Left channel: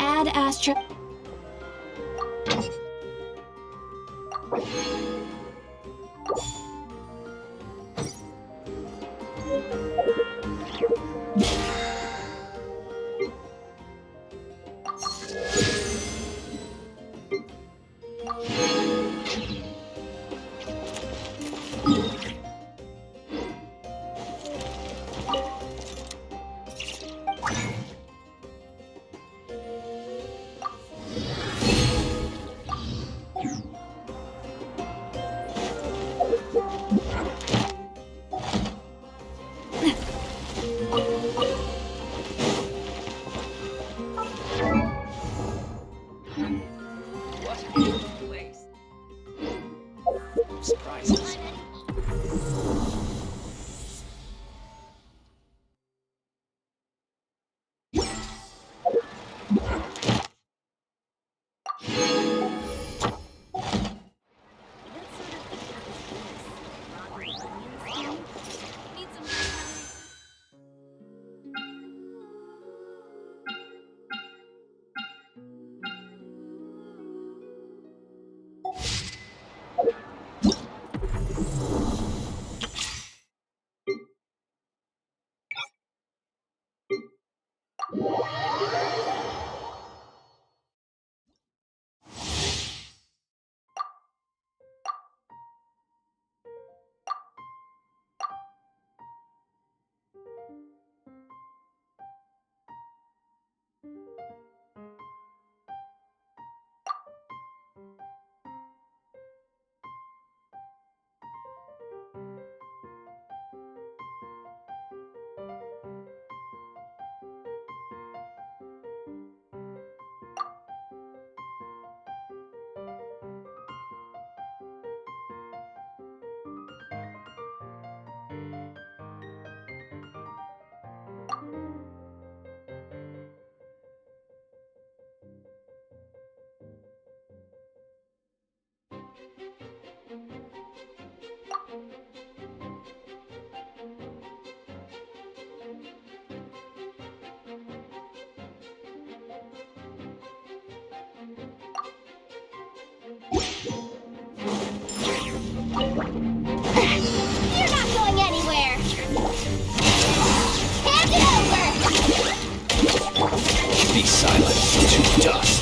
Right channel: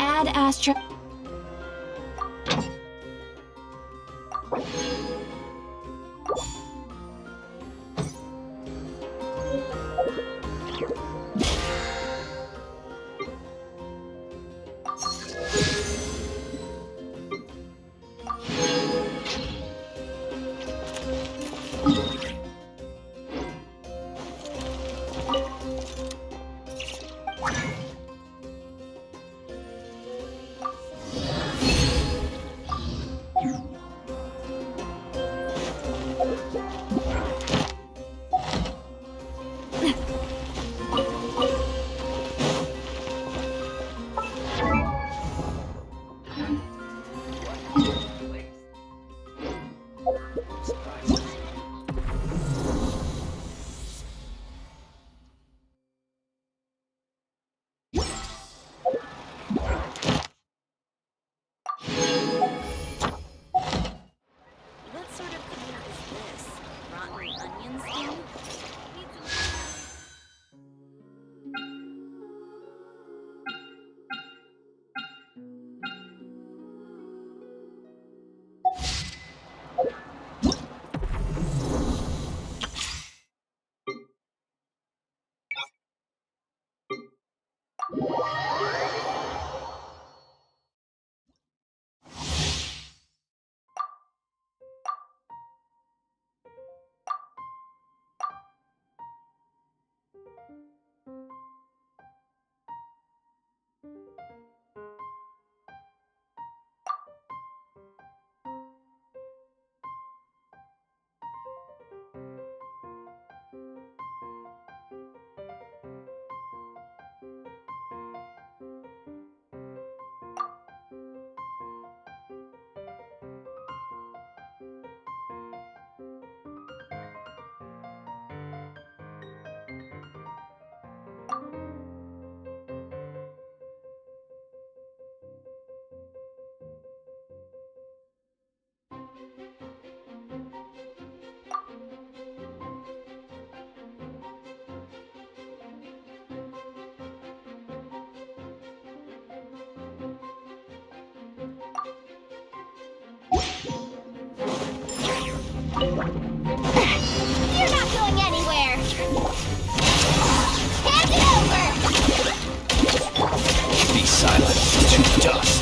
Add Astra. You're not going anywhere! Hand it over! Be silent to dust.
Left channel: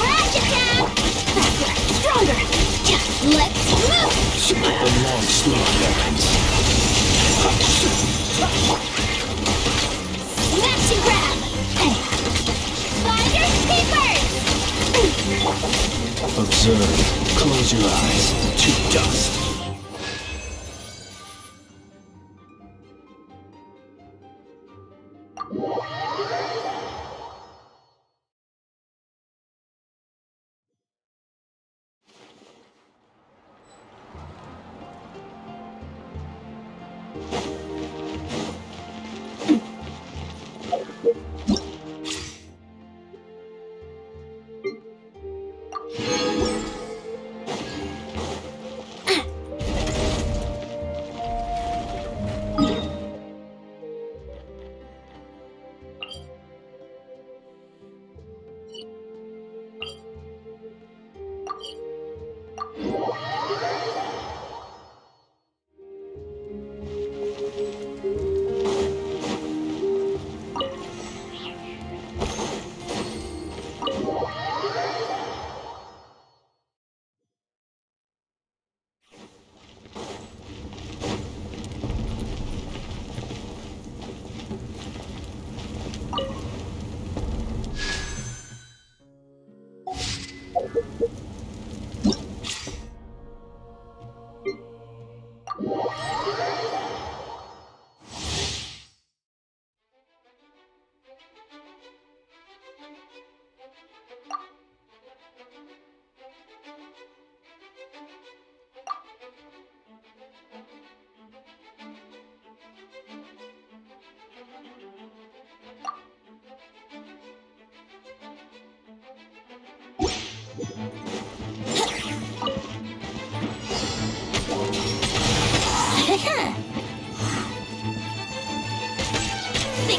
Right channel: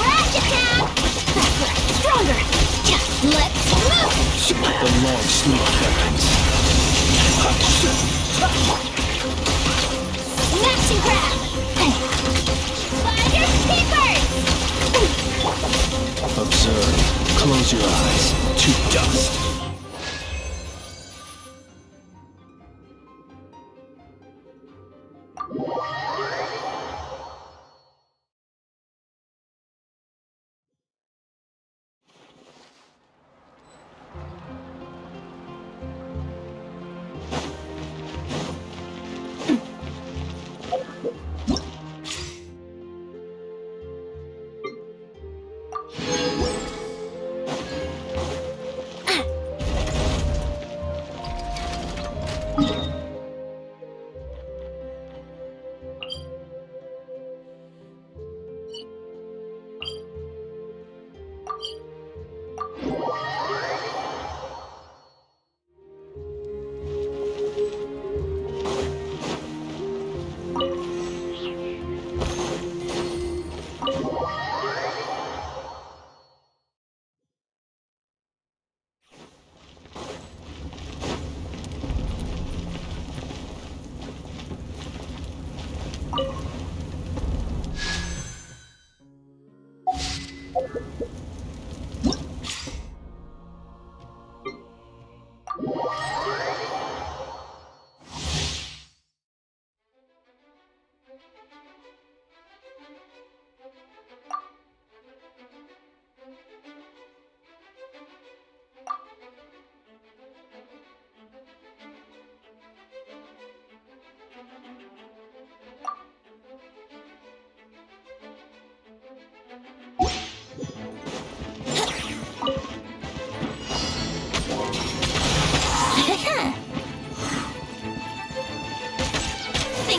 Ratchet down! Faster! Stronger! Let's move! The long sleep beckons. Smash and grab! Finders keepers! Observe. Close your eyes to dust.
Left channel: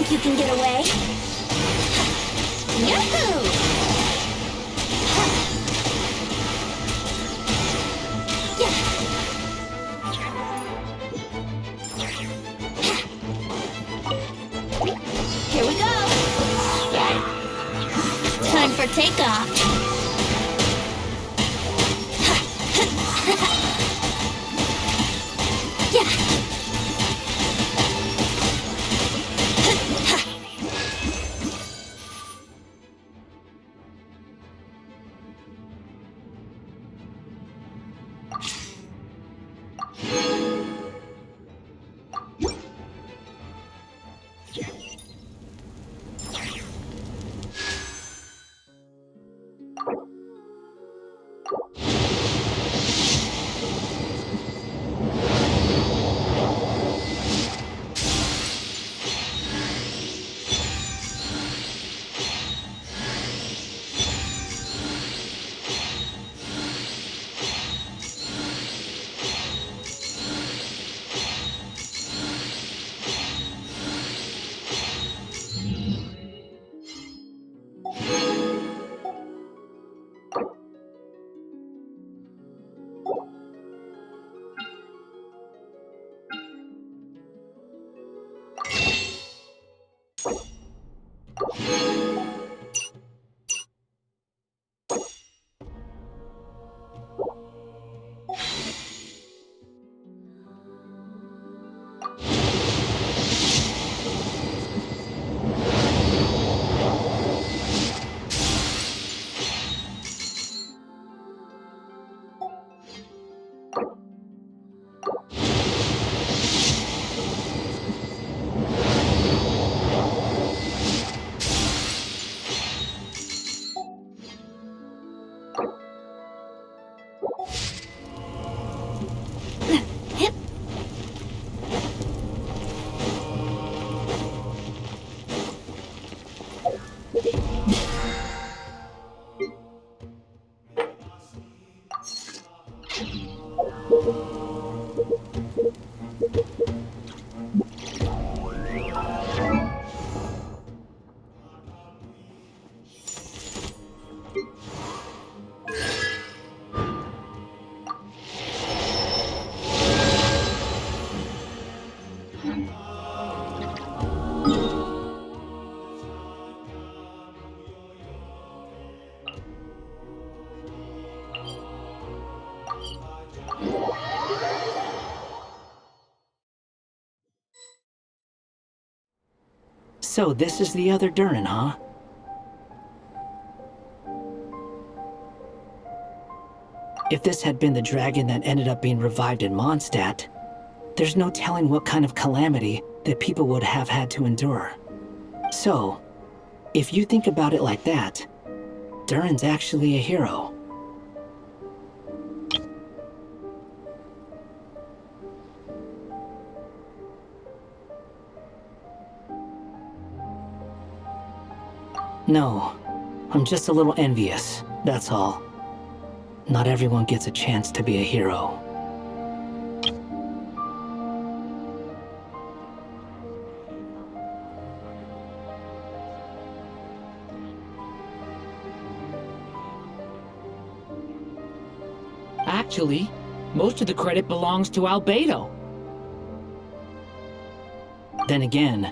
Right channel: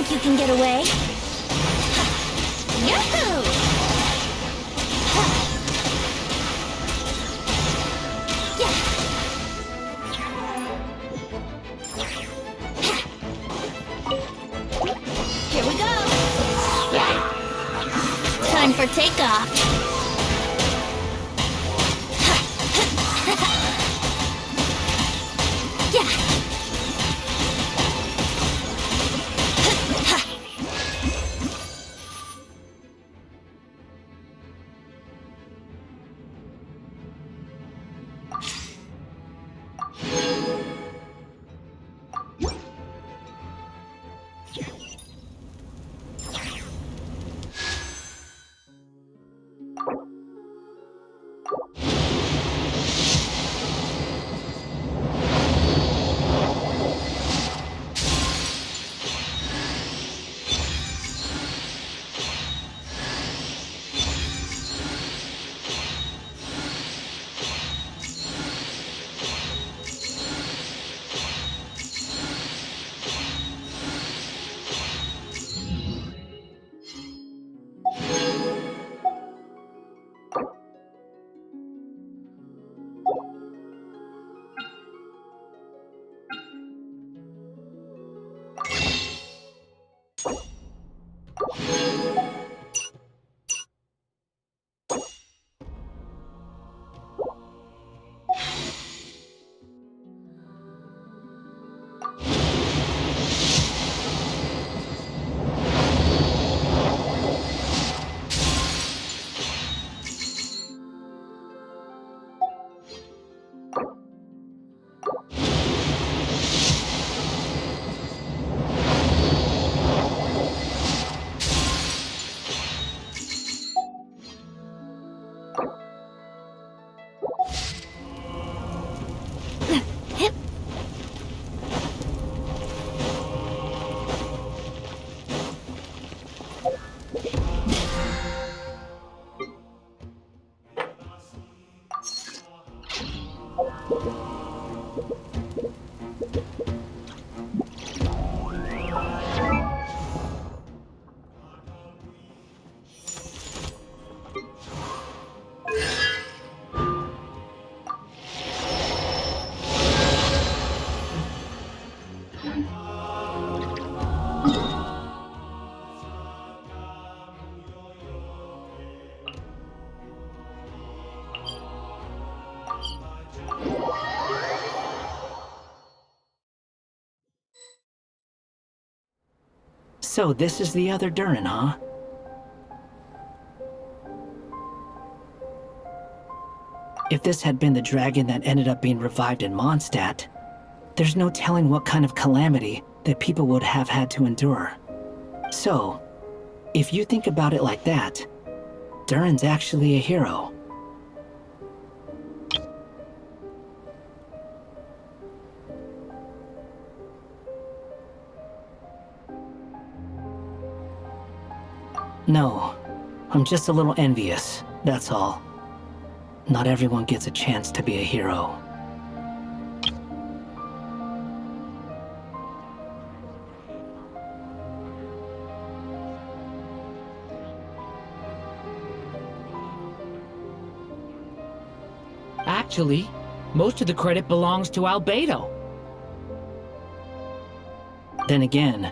think you can get away? Yahoo! Here we go! Time for takeoff! So this is the other Durin, huh? If this had been the dragon that ended up being revived in Mondstadt, there's no telling what kind of calamity that people would have had to endure. So, if you think about it like that, Durin's actually a hero. No, I'm just a little envious, that's all. Not everyone gets a chance to be a hero. Actually, most of the credit belongs to Albedo. Then again,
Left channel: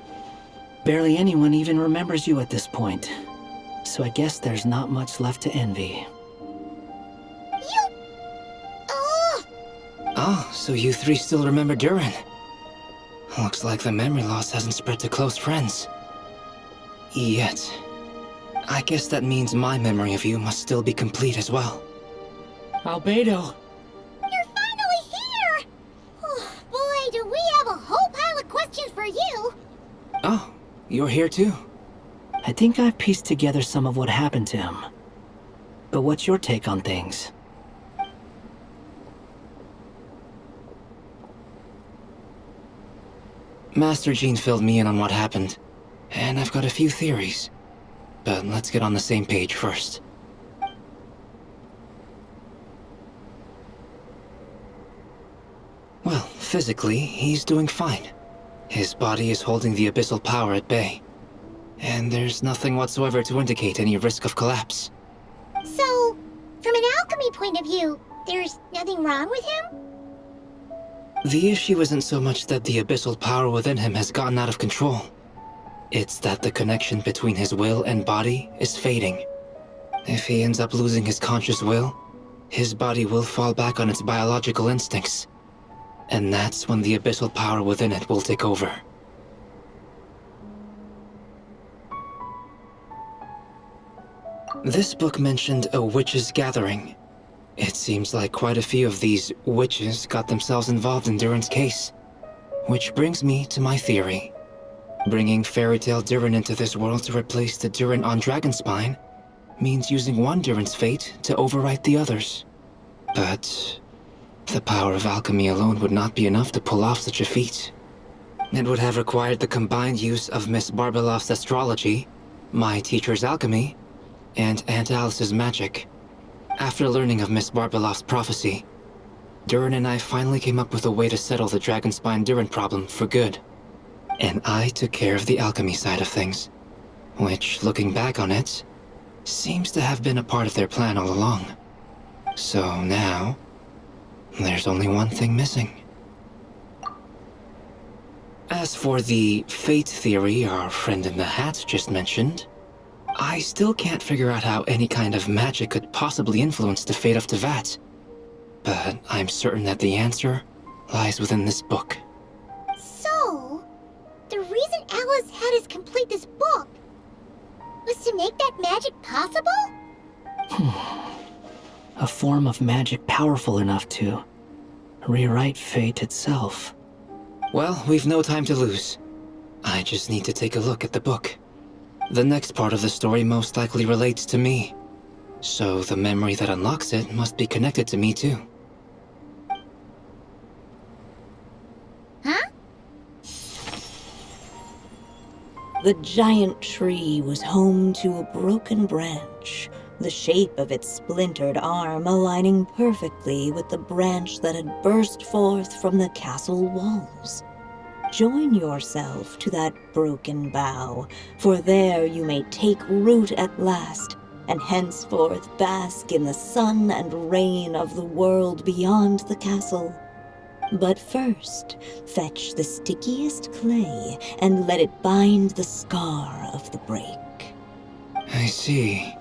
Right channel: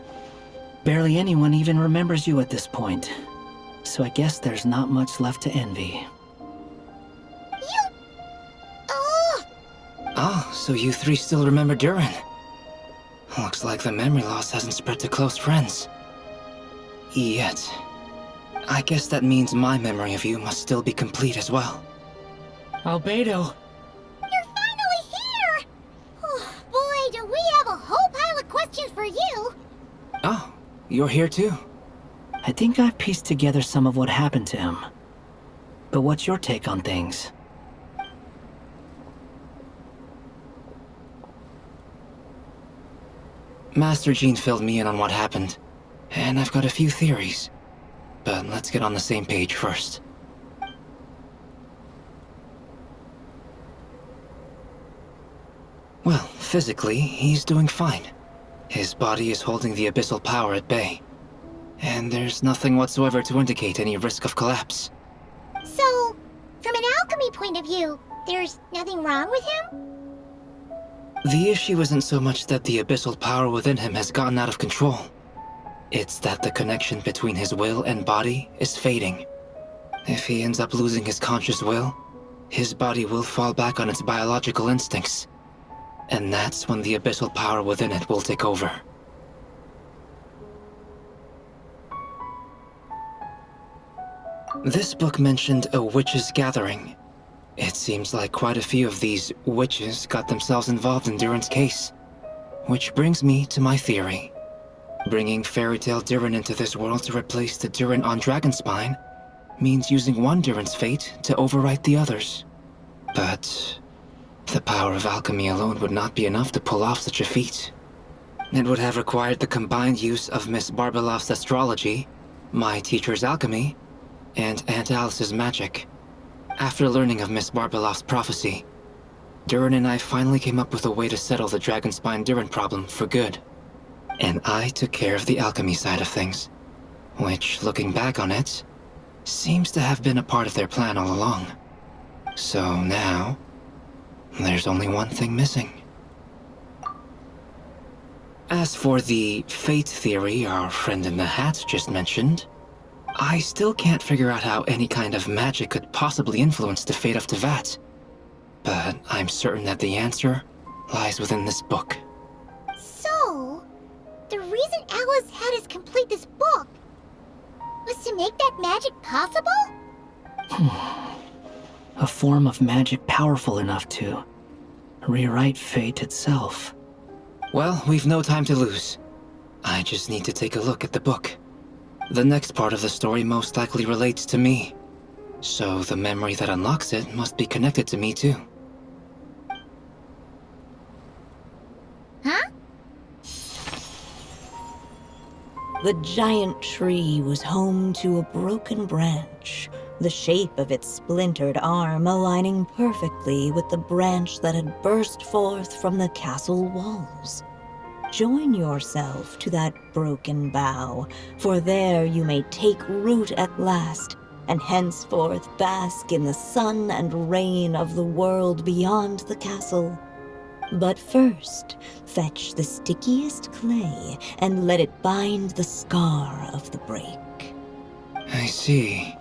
barely anyone even remembers you at this point. So I guess there's not much left to envy. Oh, so you three still remember Durin. Looks like the memory loss hasn't spread to close friends. Yet. I guess that means my memory of you must still be complete as well. Albedo. You're finally here! Oh, boy, do we have a whole pile of questions for you! Oh, you're here too? I think I've pieced together some of what happened to him. But what's your take on things? Master Jean filled me in on what happened, and I've got a few theories. But let's get on the same page first. Well, physically, he's doing fine. His body is holding the abyssal power at bay. and there's nothing whatsoever to indicate any risk of collapse. So, from an alchemy point of view, there's nothing wrong with him? The issue isn't so much that the abyssal power within him has gotten out of control. It's that the connection between his will and body is fading. If he ends up losing his conscious will, his body will fall back on its biological instincts. And that's when the abyssal power within it will take over. This book mentioned a witches' gathering. It seems like quite a few of these witches got themselves involved in Durin's case. Which brings me to my theory. Bringing fairy tale Durin into this world to replace the Durin on Dragonspine means using one Durin's fate to overwrite the others. But the power of alchemy alone would not be enough to pull off such a feat. It would have required the combined use of Miss Barbeloff's astrology, my teacher's alchemy, and Aunt Alice's magic. After learning of Miss Barbeloff's prophecy, Durin and I finally came up with a way to settle the Dragonspine Durin problem for good. And I took care of the alchemy side of things, which, looking back on it, seems to have been a part of their plan all along. So now, there's only one thing missing. As for the fate theory our friend in the hat just mentioned, I still can't figure out how any kind of magic could possibly influence the fate of Tevat. But I'm certain that the answer lies within this book. So, the reason Alice had us complete this book was to make that magic possible? A form of magic powerful enough to rewrite fate itself. Well, we've no time to lose. I just need to take a look at the book. The next part of the story most likely relates to me, so the memory that unlocks it must be connected to me too. Huh? The giant tree was home to a broken branch, the shape of its splintered arm aligning perfectly with the branch that had burst forth from the castle walls. Join yourself to that broken bough, for there you may take root at last, and henceforth bask in the sun and rain of the world beyond the castle. But first, fetch the stickiest clay and let it bind the scar of the break. I see.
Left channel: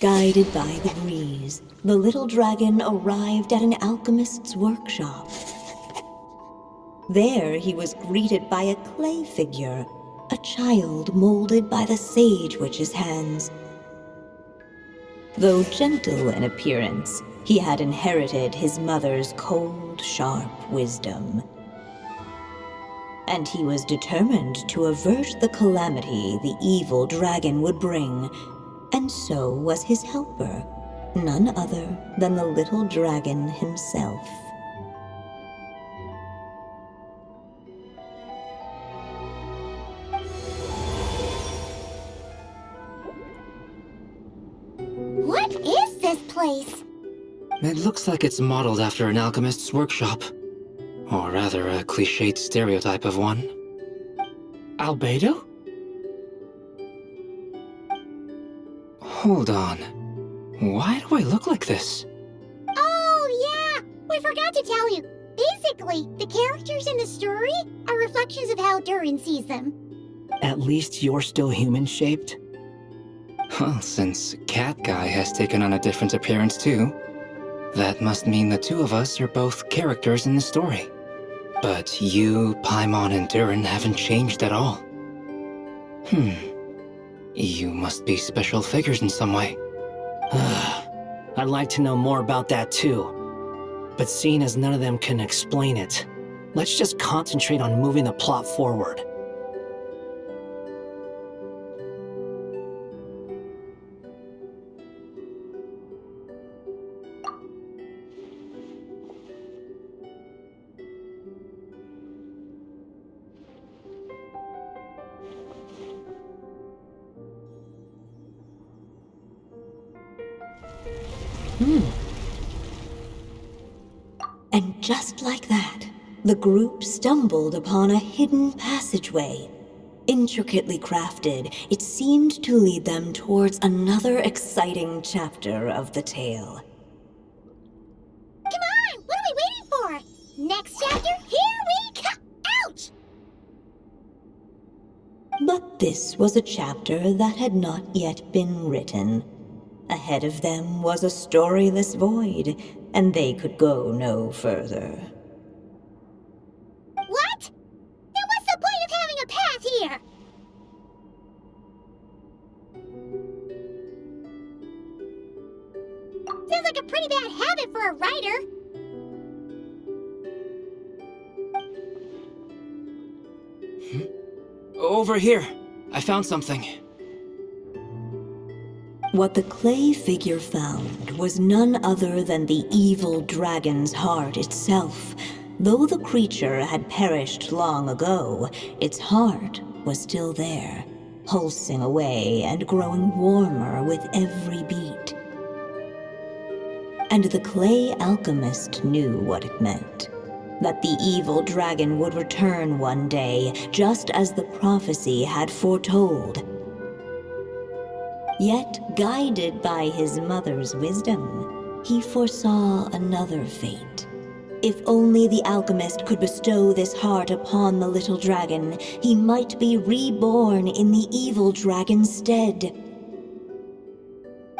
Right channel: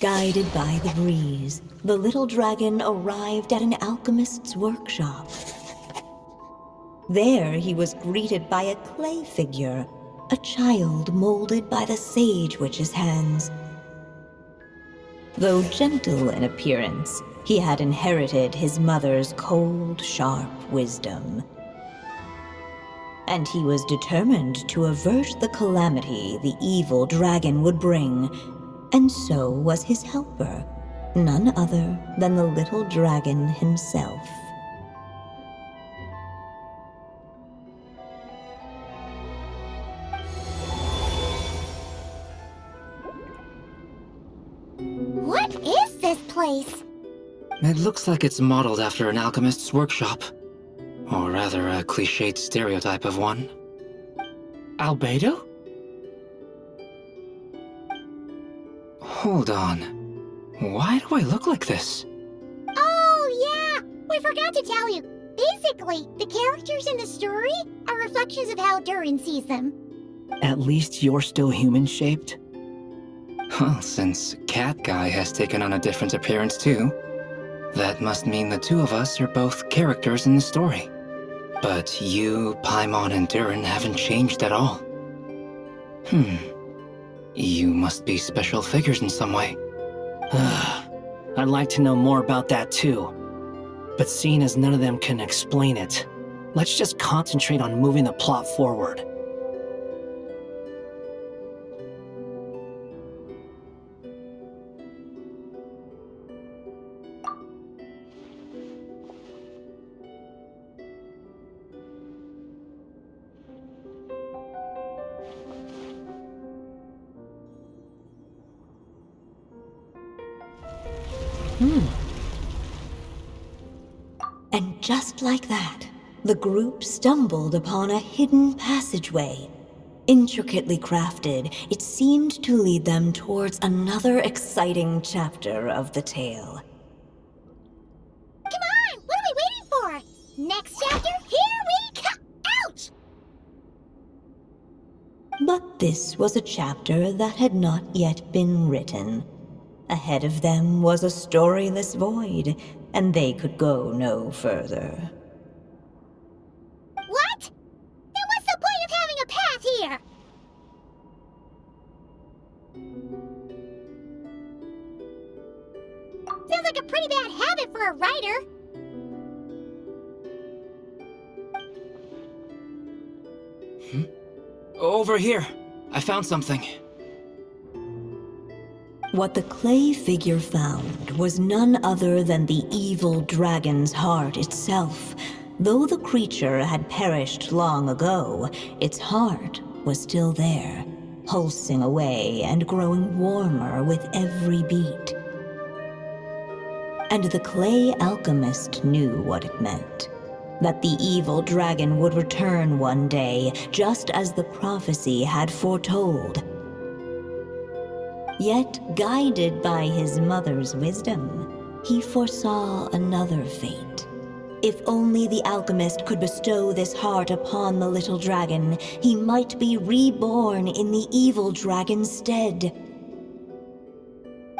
Guided by the breeze, the little dragon arrived at an alchemist's workshop. There he was greeted by a clay figure, a child molded by the sage witch's hands. Though gentle in appearance, he had inherited his mother's cold, sharp wisdom. And he was determined to avert the calamity the evil dragon would bring, and so was his helper, none other than the little dragon himself. What is this place? It looks like it's modeled after an alchemist's workshop. Or rather, a cliched stereotype of one. Albedo? Hold on. Why do I look like this? Oh, yeah! We forgot to tell you. Basically, the characters in the story are reflections of how Durin sees them. At least you're still human-shaped? Well, since Cat Guy has taken on a different appearance too, that must mean the two of us are both characters in the story. But you, Paimon, and Durin haven't changed at all. You must be special figures in some way. I'd like to know more about that too. But seeing as none of them can explain it, let's just concentrate on moving the plot forward. And just like that, the group stumbled upon a hidden passageway. Intricately crafted, it seemed to lead them towards another exciting chapter of the tale. Come on! What are we waiting for? Next chapter, here we come! Ouch! But this was a chapter that had not yet been written. Ahead of them was a storyless void, and they could go no further. What? Then what's the point of having a path here? Sounds like a pretty bad habit for a writer. Over here. I found something. What the clay figure found was none other than the evil dragon's heart itself. Though the creature had perished long ago, its heart was still there, pulsing away and growing warmer with every beat. And the clay alchemist knew what it meant. That the evil dragon would return one day, just as the prophecy had foretold. Yet, guided by his mother's wisdom, he foresaw another fate. If only the alchemist could bestow this heart upon the little dragon, he might be reborn in the evil dragon's stead.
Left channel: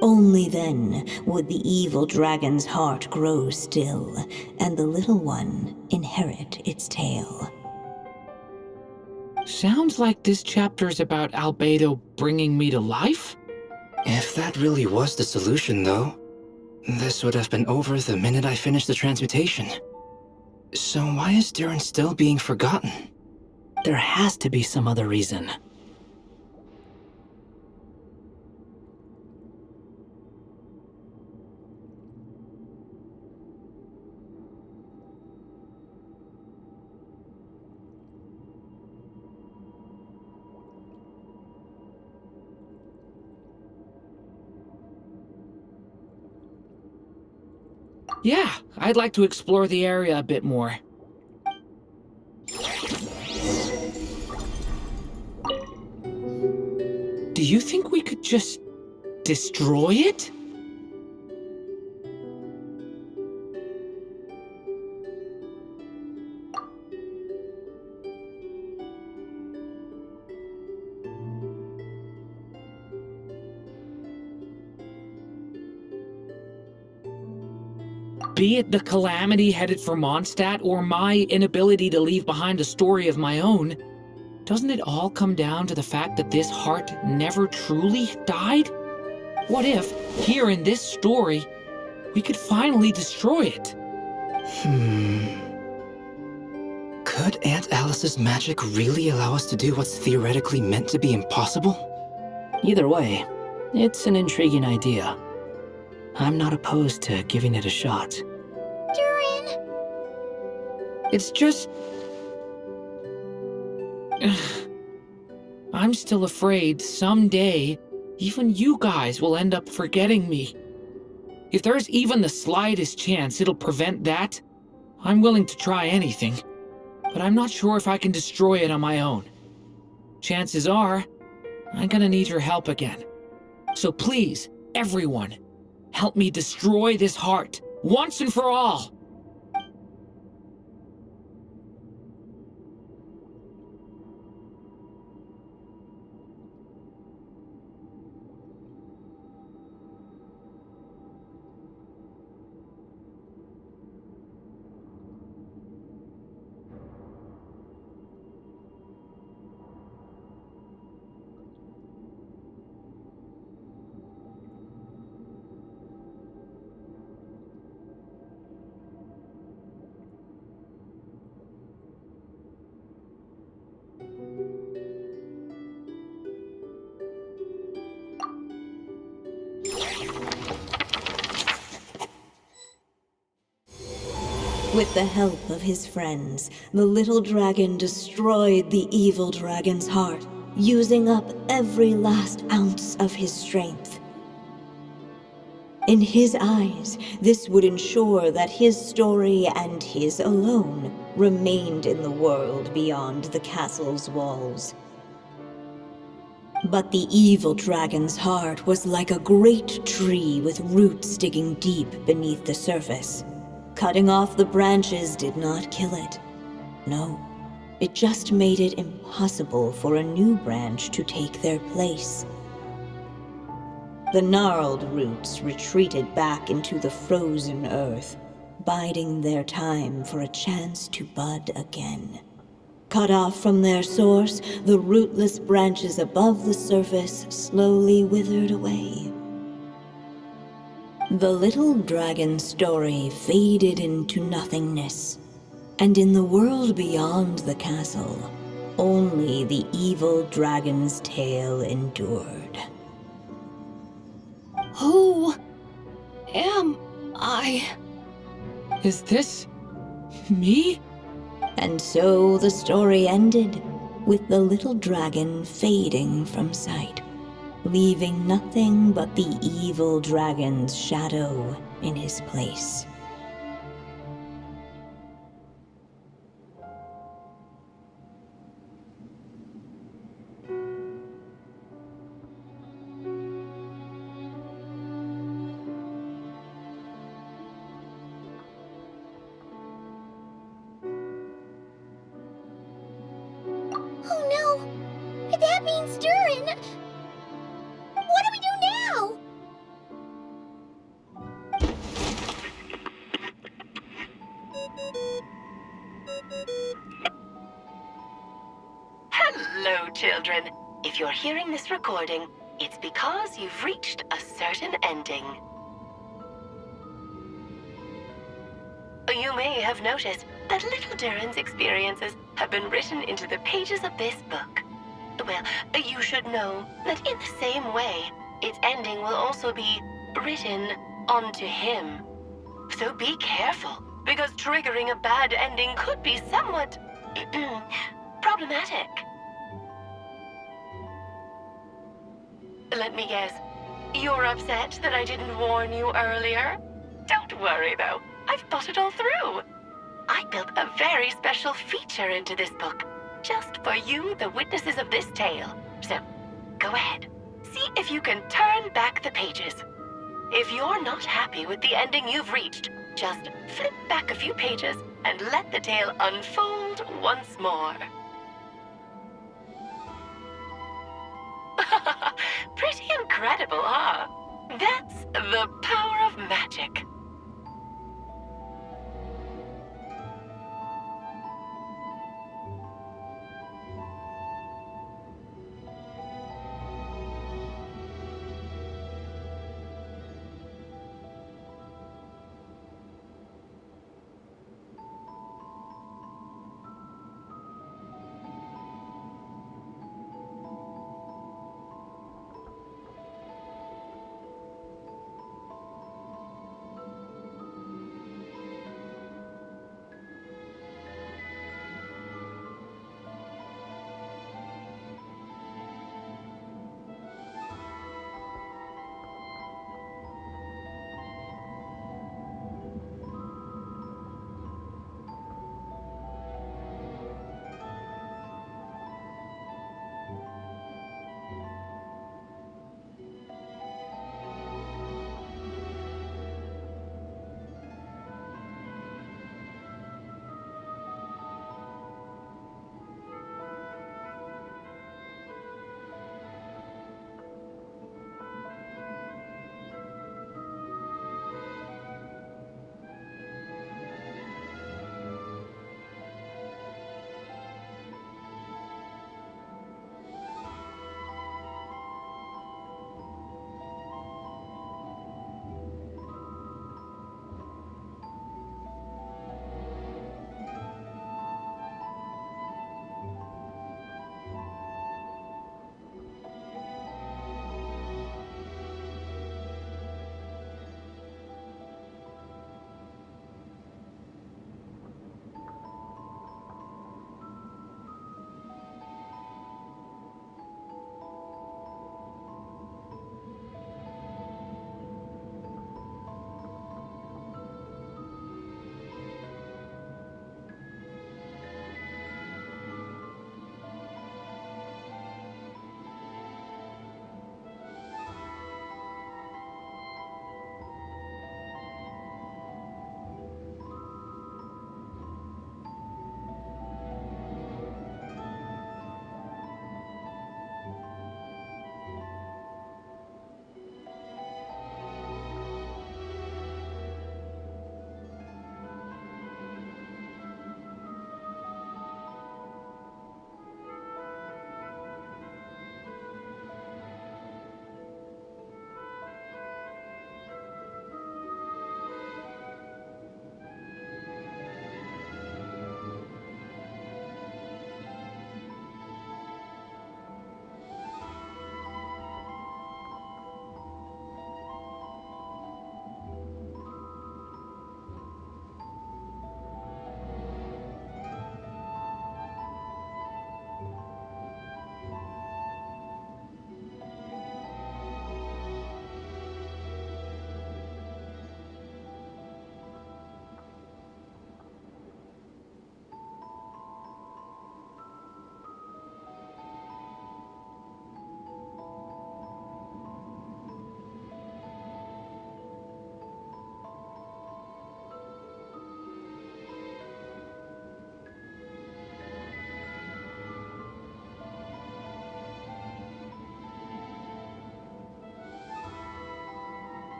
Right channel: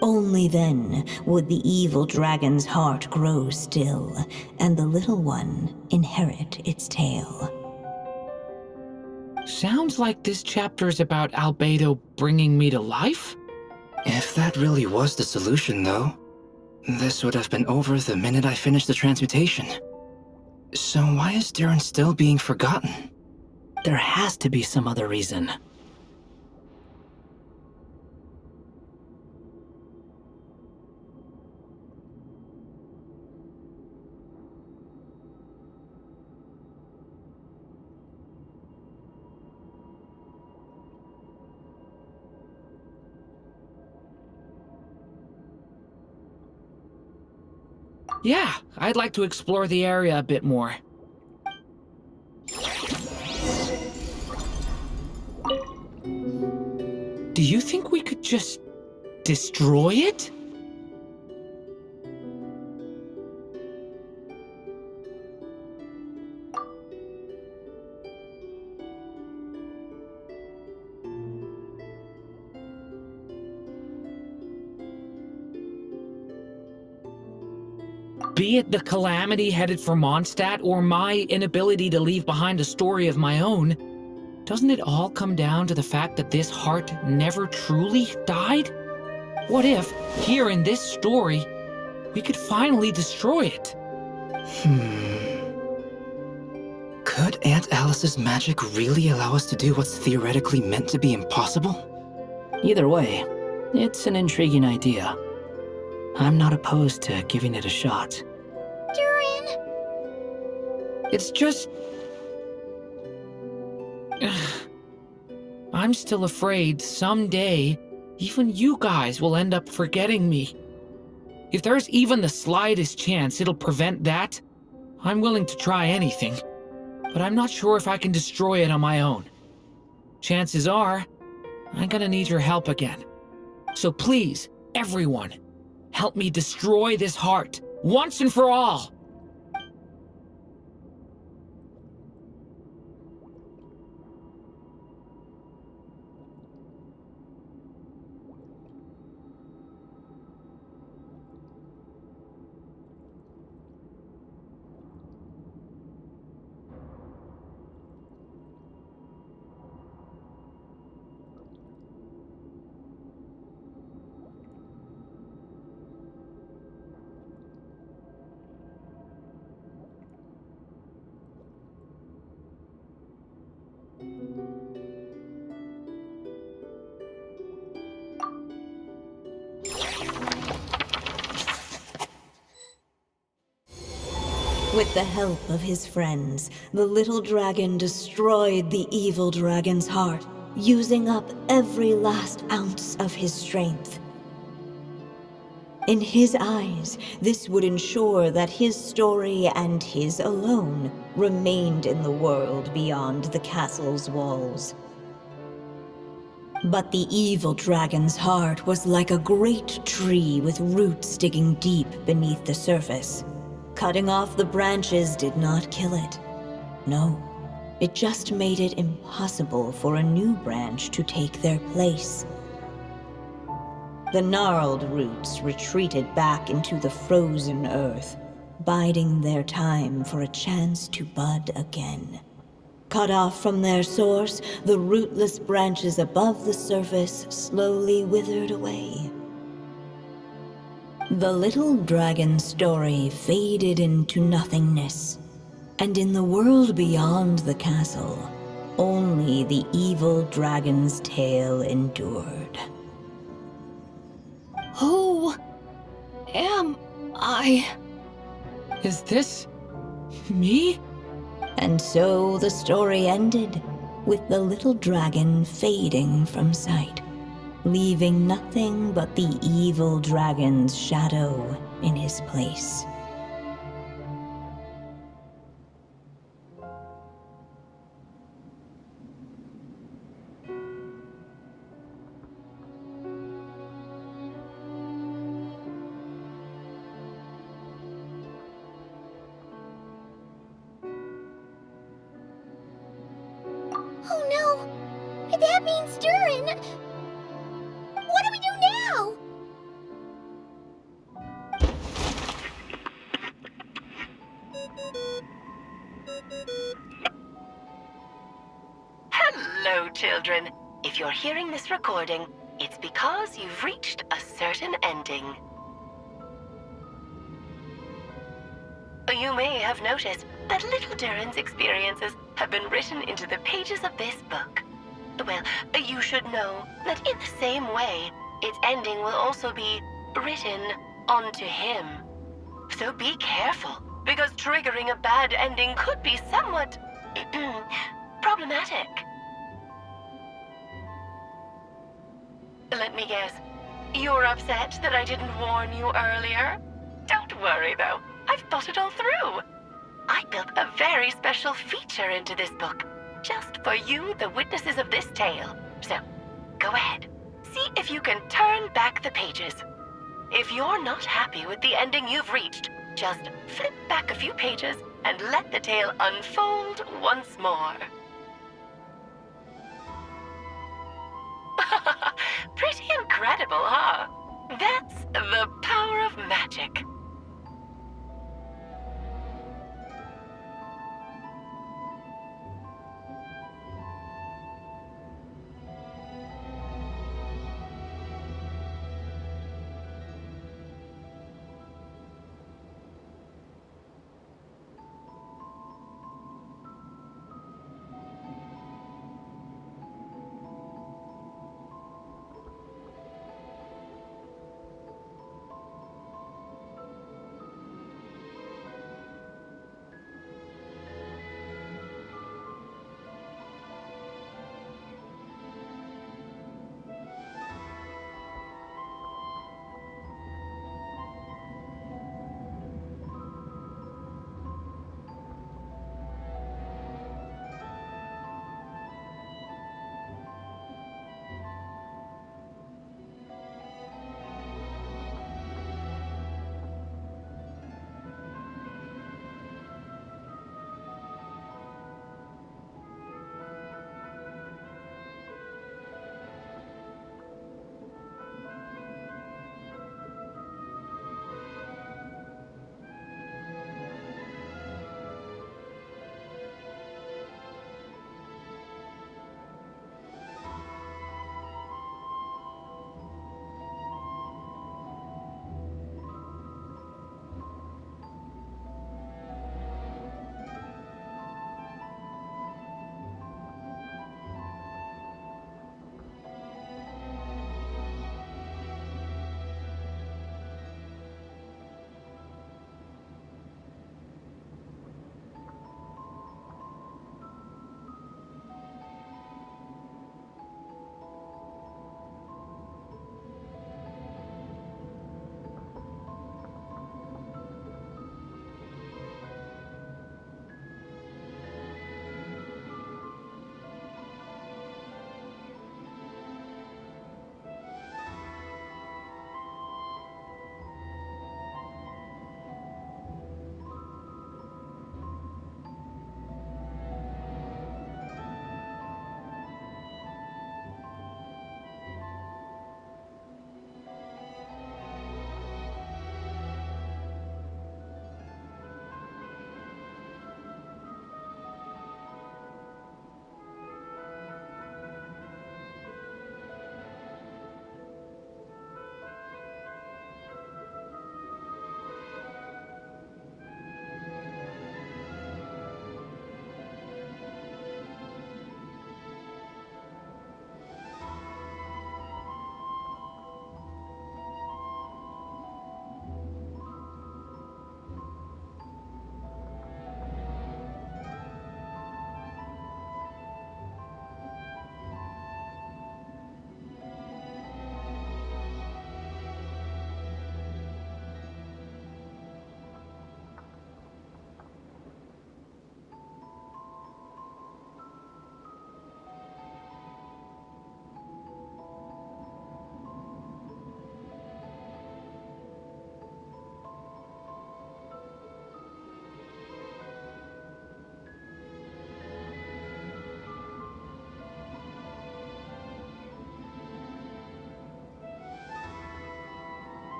Only then would the evil dragon's heart grow still, and the little one inherit its tale. Sounds like this chapter's about Albedo bringing me to life? If that really was the solution, though, this would have been over the minute I finished the transmutation. So why is Durin still being forgotten? There has to be some other reason. Yeah, I'd like to explore the area a bit more. Do you think we could just destroy it? Be it the calamity headed for Mondstadt or my inability to leave behind a story of my own, doesn't it all come down to the fact that this heart never truly died? What if, here in this story, we could finally destroy it? Could Aunt Alice's magic really allow us to do what's theoretically meant to be impossible? Either way, it's an intriguing idea. I'm not opposed to giving it a shot. Durin! It's just... I'm still afraid someday, even you guys will end up forgetting me. If there's even the slightest chance it'll prevent that, I'm willing to try anything. But I'm not sure if I can destroy it on my own. Chances are, I'm gonna need your help again. So please, everyone, help me destroy this heart, once and for all! With the help of his friends, the little dragon destroyed the evil dragon's heart, using up every last ounce of his strength. In his eyes, this would ensure that his story and his alone remained in the world beyond the castle's walls. But the evil dragon's heart was like a great tree with roots digging deep beneath the surface. Cutting off the branches did not kill it. No, it just made it impossible for a new branch to take their place. The gnarled roots retreated back into the frozen earth, biding their time for a chance to bud again. Cut off from their source, the rootless branches above the surface slowly withered away. The little dragon's story faded into nothingness, and in the world beyond the castle, only the evil dragon's tale endured. Who am I? Is this me? And so the story ended, with the little dragon fading from sight, leaving nothing but the evil dragon's shadow in his place. Oh no! That means Durin! What do we do now? Hello, children. If you're hearing this recording, it's because you've reached a certain ending. You may have noticed that little Durin's experiences have been written into the pages of this book. Well, you should know that in the same way, its ending will also be written onto him. So be careful, because triggering a bad ending could be somewhat problematic. Let me guess, you're upset that I didn't warn you earlier? Don't worry though, I've thought it all through. I built a very special feature into this book, just for you, the witnesses of this tale. So, go ahead, see if you can turn back the pages. If you're not happy with the ending you've reached, just flip back a few pages and let the tale unfold once more. Pretty incredible, huh? That's the power of magic.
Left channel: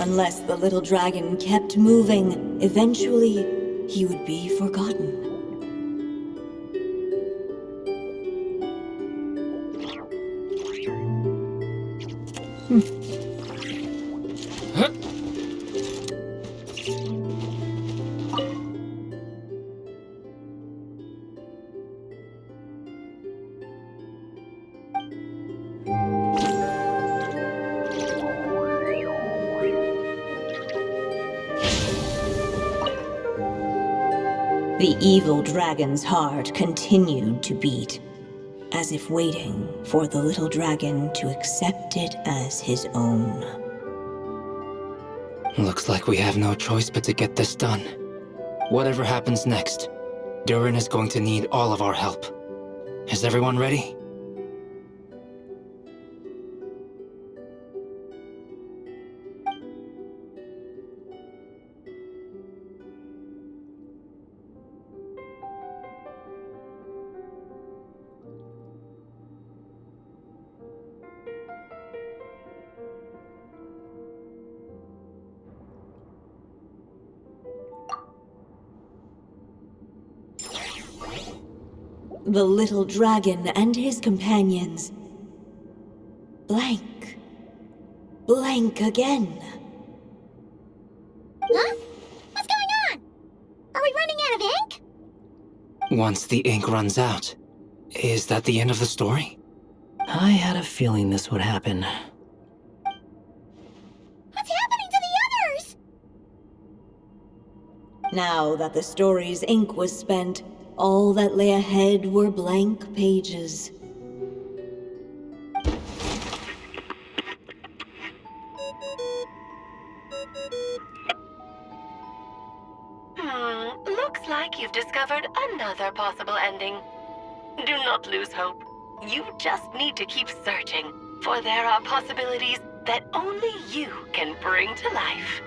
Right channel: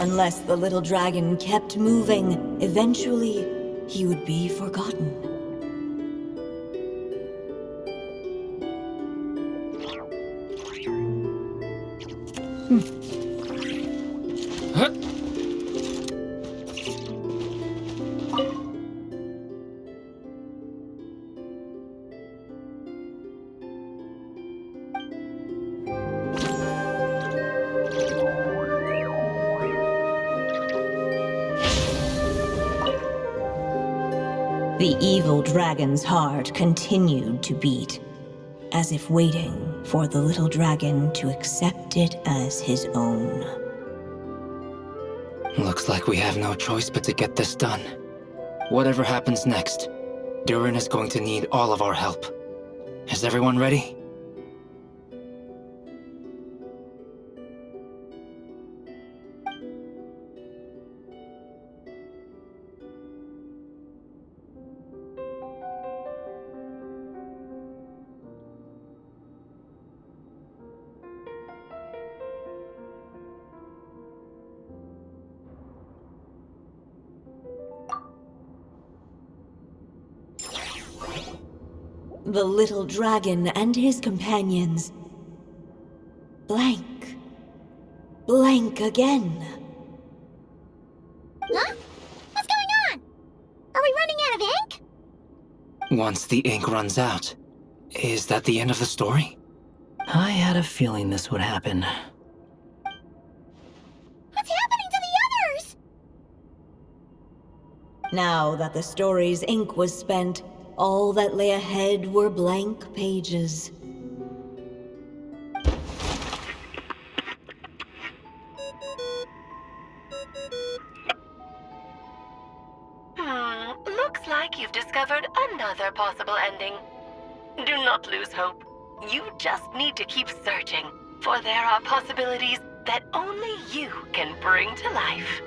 Unless the little dragon kept moving, eventually he would be forgotten. Huh? The evil dragon's heart continued to beat, as if waiting for the little dragon to accept it as his own. Looks like we have no choice but to get this done. Whatever happens next, Durin is going to need all of our help. Is everyone ready? The little dragon and his companions blank. Blank again. Huh? What's going on? Are we running out of ink? Once the ink runs out, is that the end of the story? I had a feeling this would happen. What's happening to the others? Now that the story's ink was spent, all that lay ahead were blank pages. Looks like you've discovered another possible ending. Do not lose hope. You just need to keep searching, for there are possibilities that only you can bring to life.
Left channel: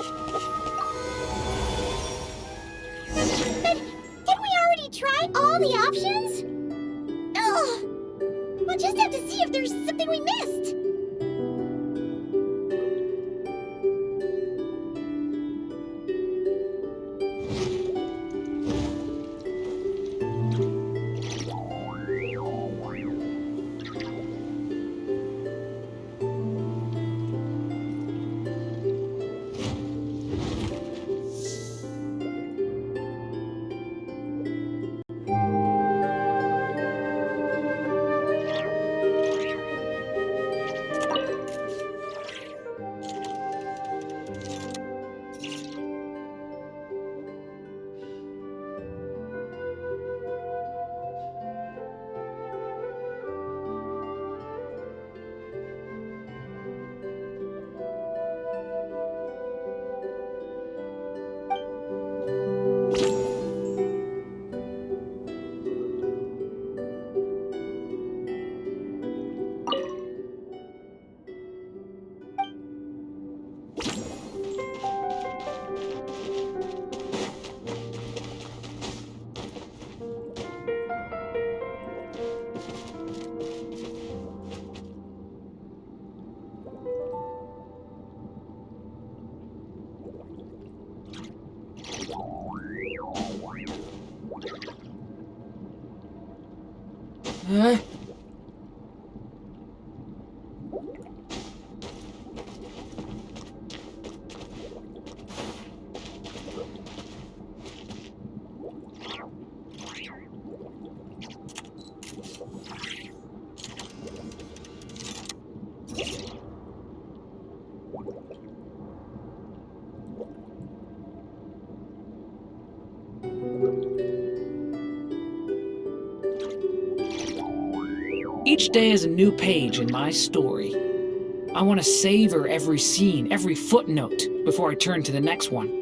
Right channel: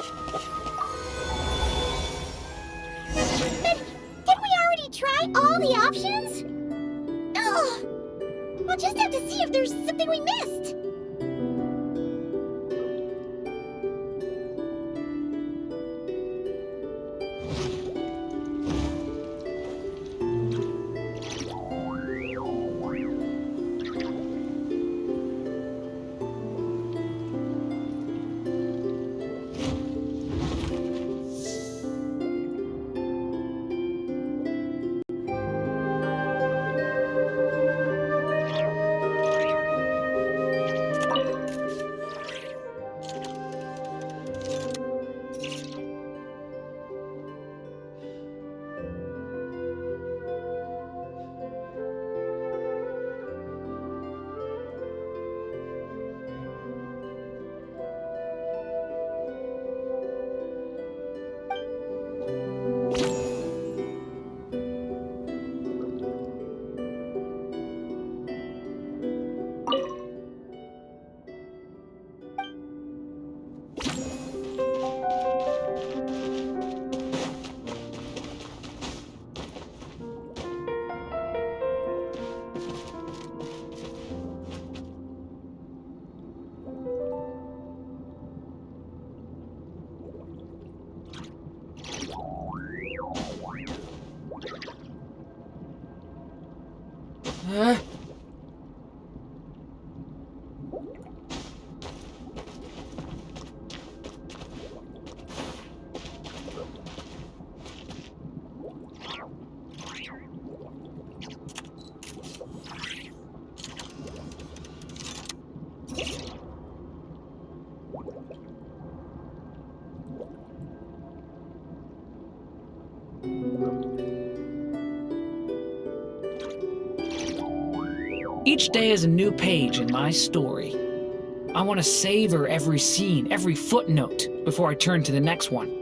But didn't we already try all the options? Ugh. We'll just have to see if there's something we missed. Each day is a new page in my story. I want to savor every scene, every footnote, before I turn to the next one.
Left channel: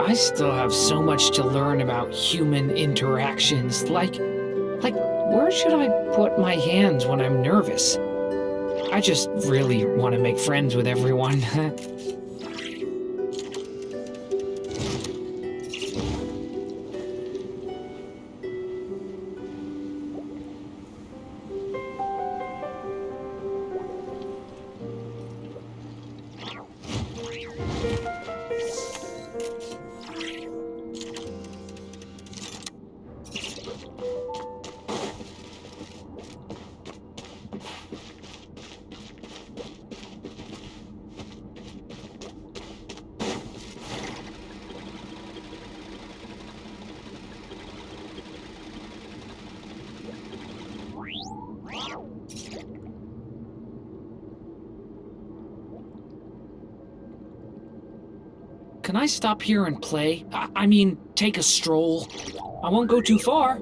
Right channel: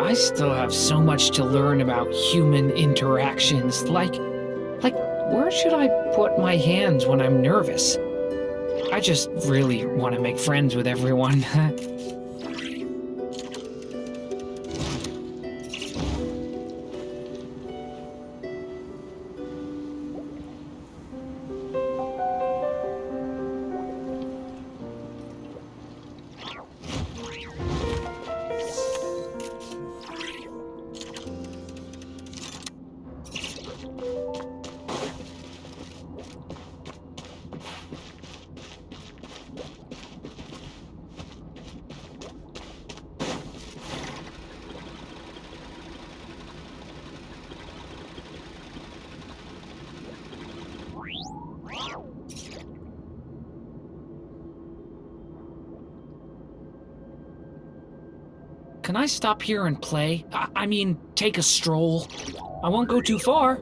I still have so much to learn about human interactions, like where should I put my hands when I'm nervous? I just really want to make friends with everyone. Can I stop here and play? I mean, take a stroll. I won't go too far.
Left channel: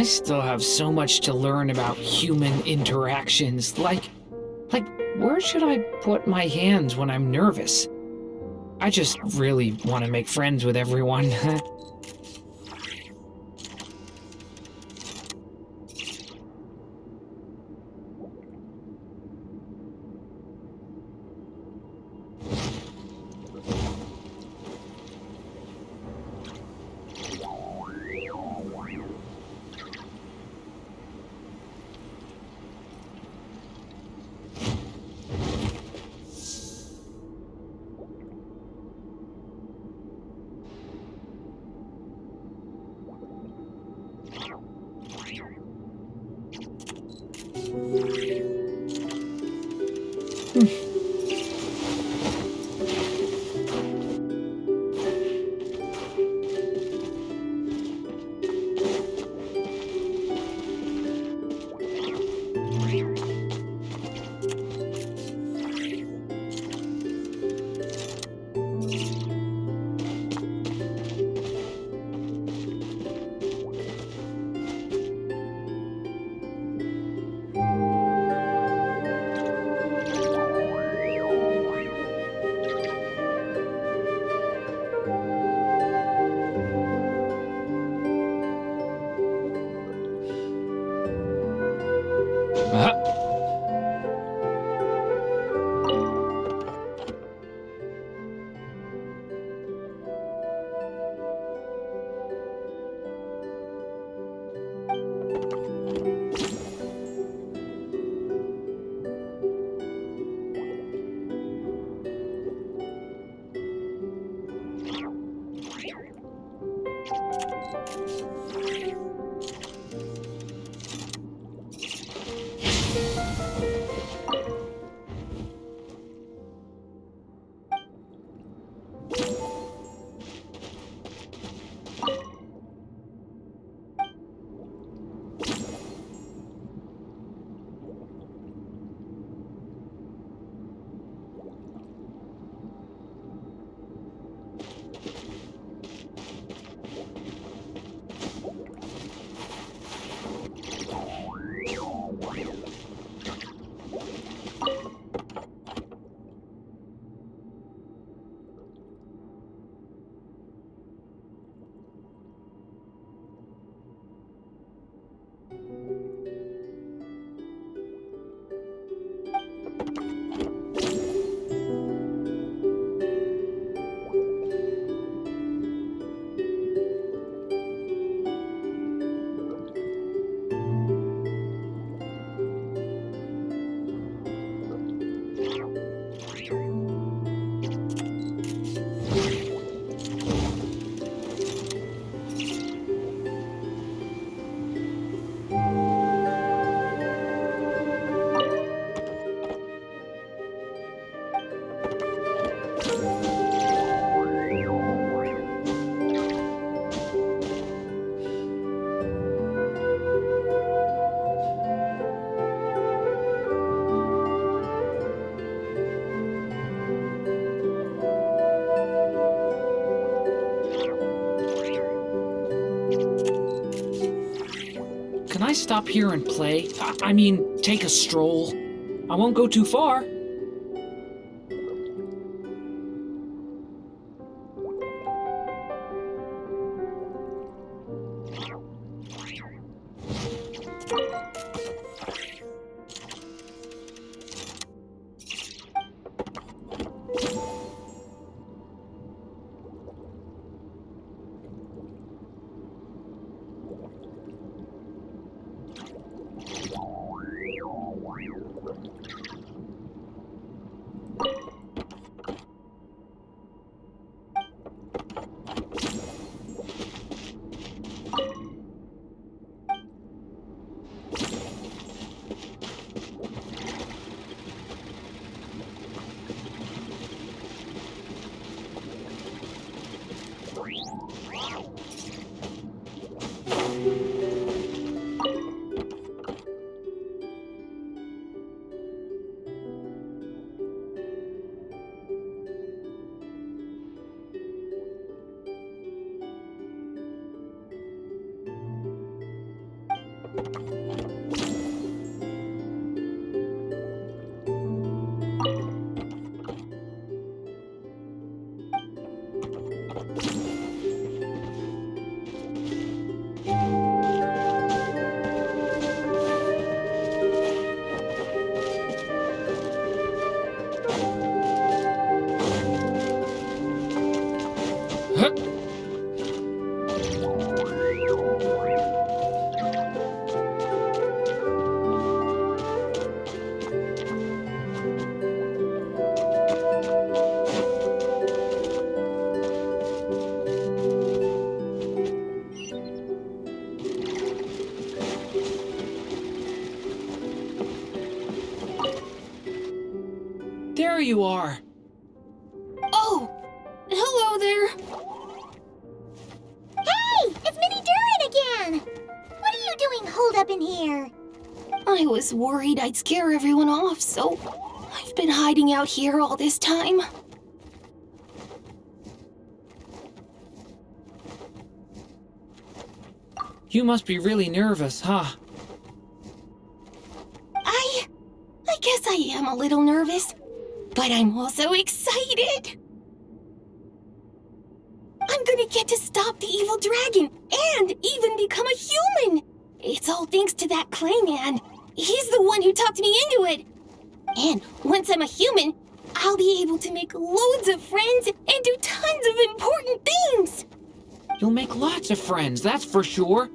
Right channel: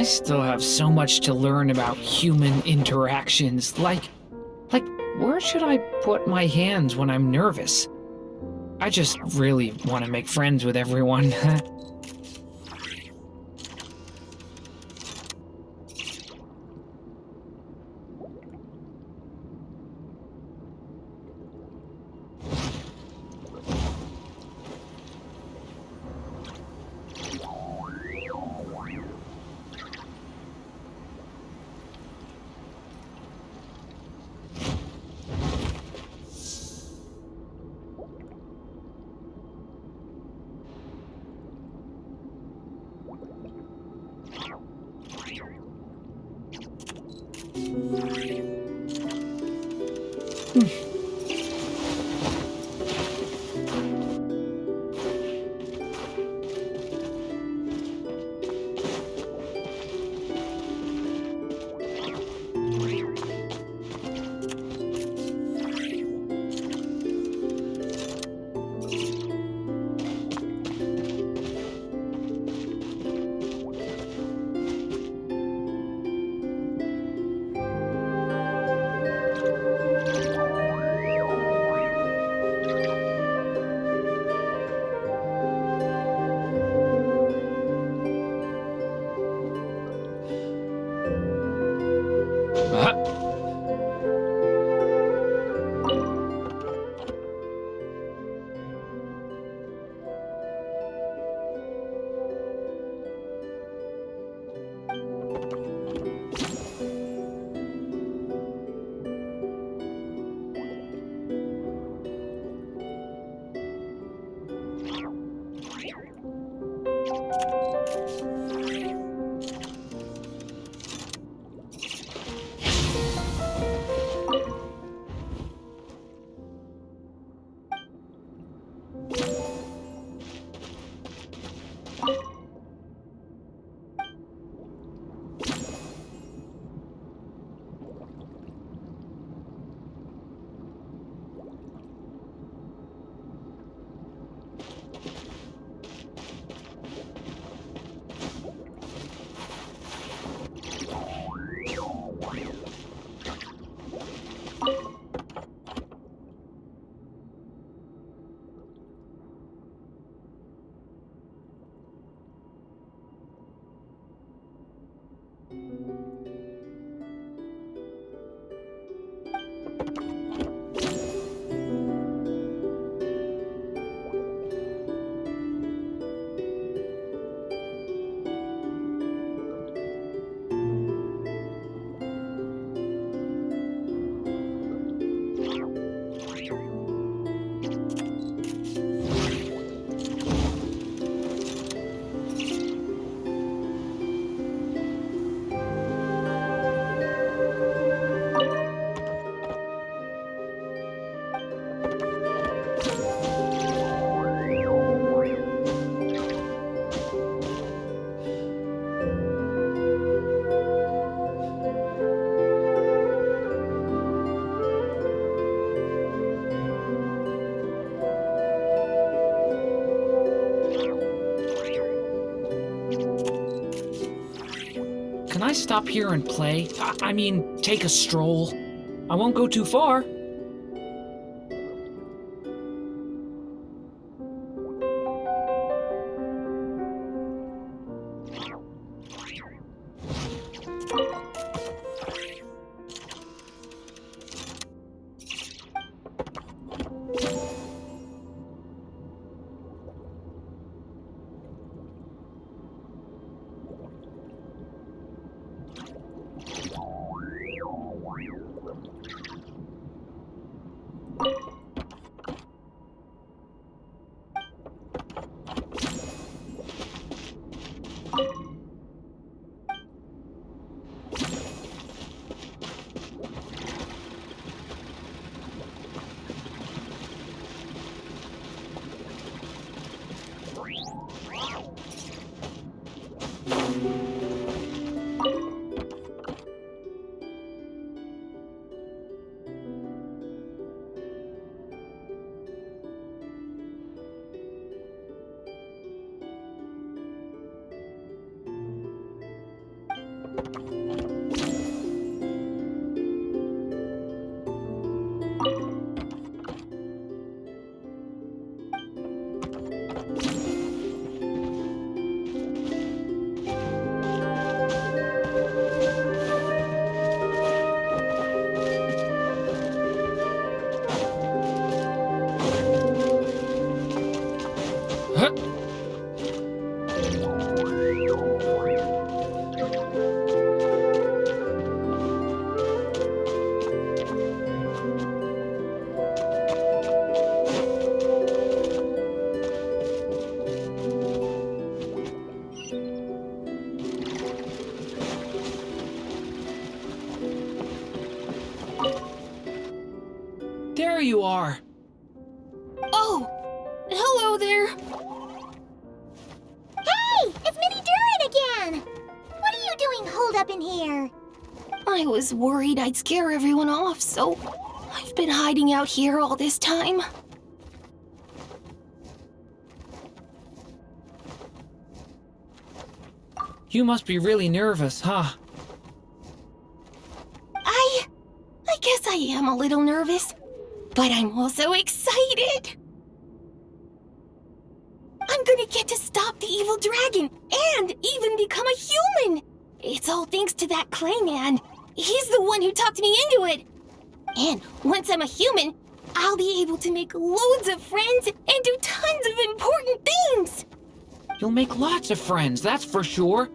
I still have so much to learn about human interactions. Like, where should I put my hands when I'm nervous? I just really want to make friends with everyone. Can I stop here and play? I mean, take a stroll. I won't go too far. There you are. Oh, hello there. Hey, it's Mini Durin again! What are you doing holed up in here? I was worried I'd scare everyone off, so I've been hiding out here all this time. You must be really nervous, huh? I guess I am a little nervous, but I'm also excited. I'm gonna get to stop the evil dragon and even become a human. It's all thanks to that clay man. He's the one who talked me into it. And once I'm a human, I'll be able to make loads of friends and do tons of important things. You'll make lots of friends, that's for sure.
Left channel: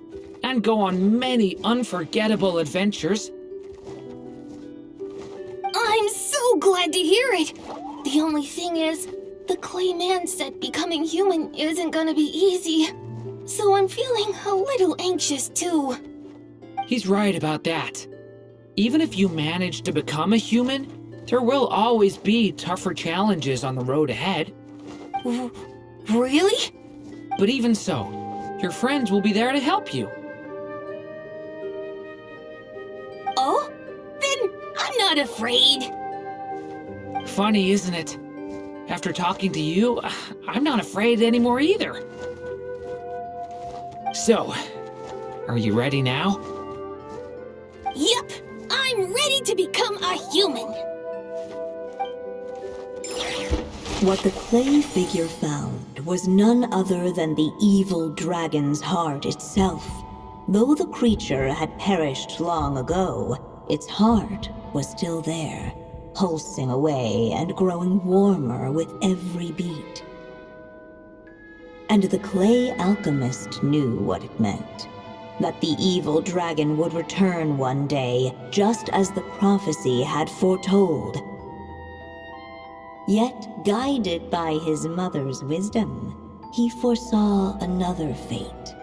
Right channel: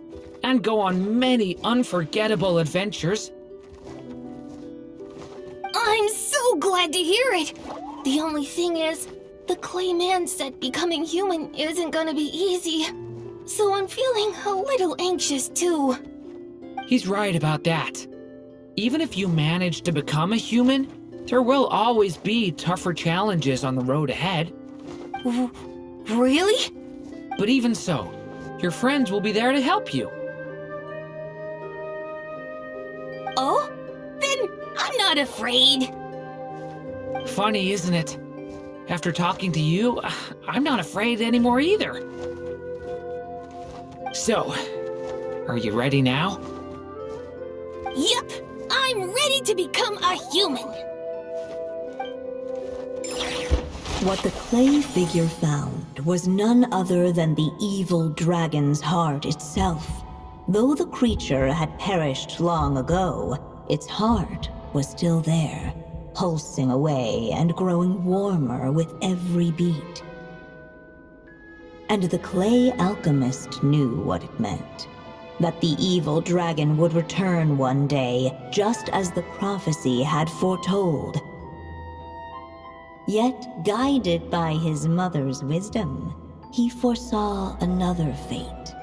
And go on many unforgettable adventures. I'm so glad to hear it. The only thing is, the clay man said becoming human isn't gonna be easy. So I'm feeling a little anxious too. He's right about that. Even if you manage to become a human, there will always be tougher challenges on the road ahead. Really? But even so, your friends will be there to help you. Oh? Then I'm not afraid. Funny, isn't it? After talking to you, I'm not afraid anymore either. So, are you ready now? Yep, I'm ready to become a human. What the clay figure found was none other than the evil dragon's heart itself. Though the creature had perished long ago, its heart was still there, pulsing away and growing warmer with every beat. And the clay alchemist knew what it meant. That the evil dragon would return one day, just as the prophecy had foretold. Yet, guided by his mother's wisdom, he foresaw another fate.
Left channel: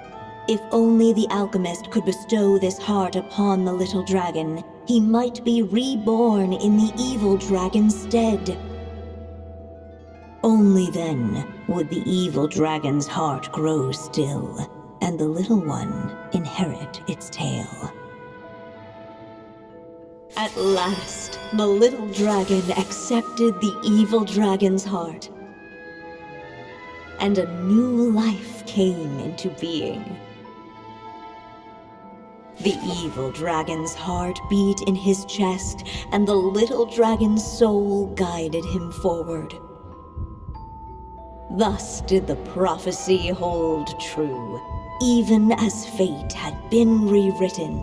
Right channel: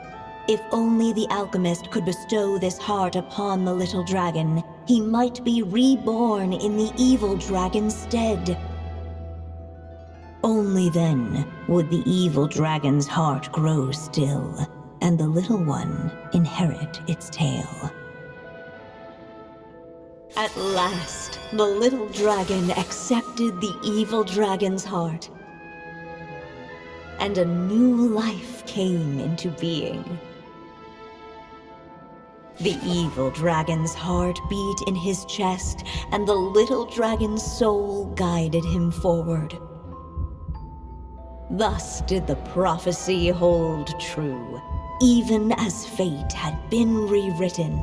If only the alchemist could bestow this heart upon the little dragon, he might be reborn in the evil dragon's stead. Only then would the evil dragon's heart grow still, and the little one inherit its tale. At last, the little dragon accepted the evil dragon's heart, and a new life came into being. The evil dragon's heart beat in his chest, and the little dragon's soul guided him forward. Thus did the prophecy hold true, even as fate had been rewritten,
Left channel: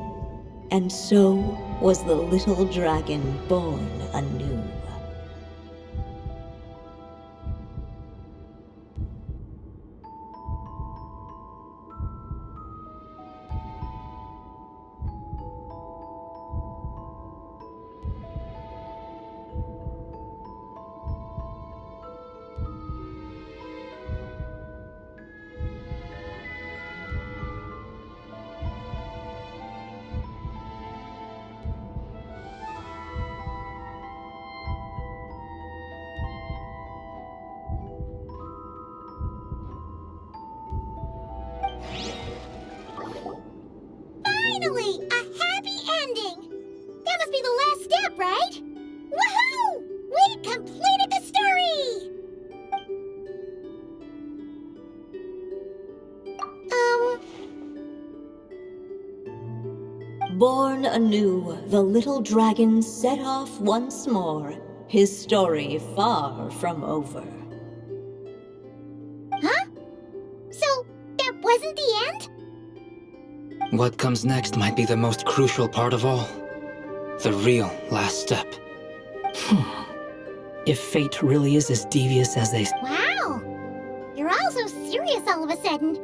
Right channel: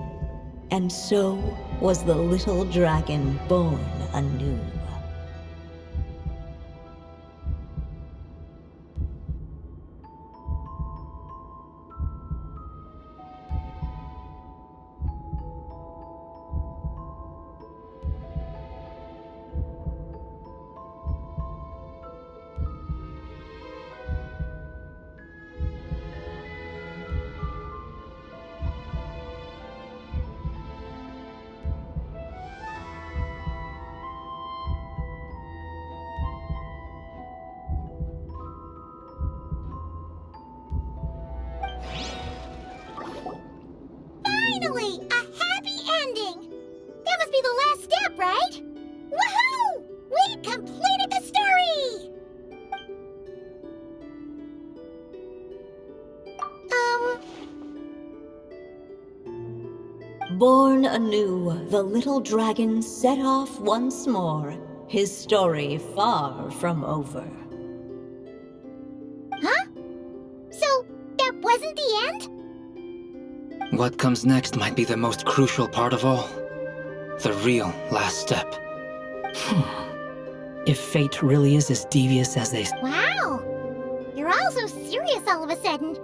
and so was the little dragon born anew. Finally! A happy ending! That must be the last step, right? Woohoo! We completed the story! Born anew, the little dragon set off once more, his story far from over. Huh? So, that wasn't the end? What comes next might be the most crucial part of all. The real last step. If fate really is as devious as they say. Wow! You're all so serious all of a sudden.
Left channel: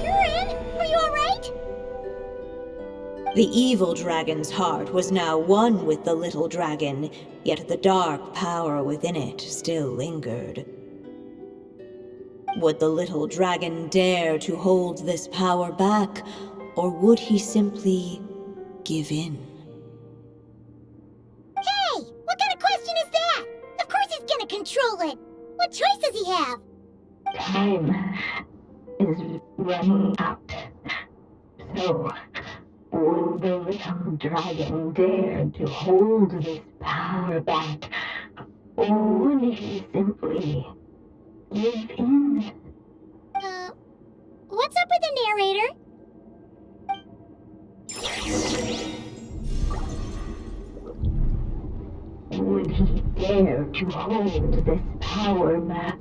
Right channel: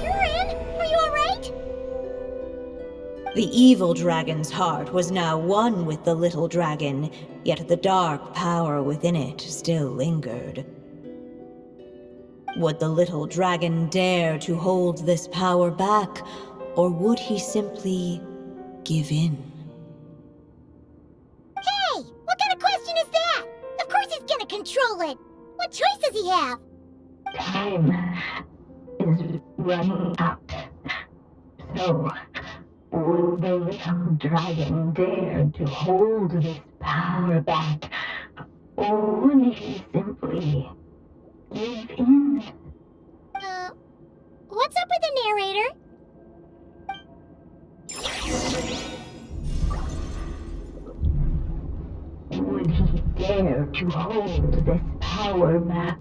Durin, are you alright? The evil dragon's heart was now one with the little dragon, yet the dark power within it still lingered. Would the little dragon dare to hold this power back, or would he simply give in? Hey! What kind of question is that? Of course he's gonna control it! What choice does he have? Time is running out. So, would the little dragon dare to hold this power back, or would he simply give in? What's up with the narrator? Would he dare to hold this power back,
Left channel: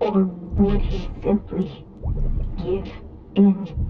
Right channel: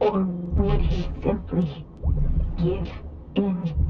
or would he simply give in?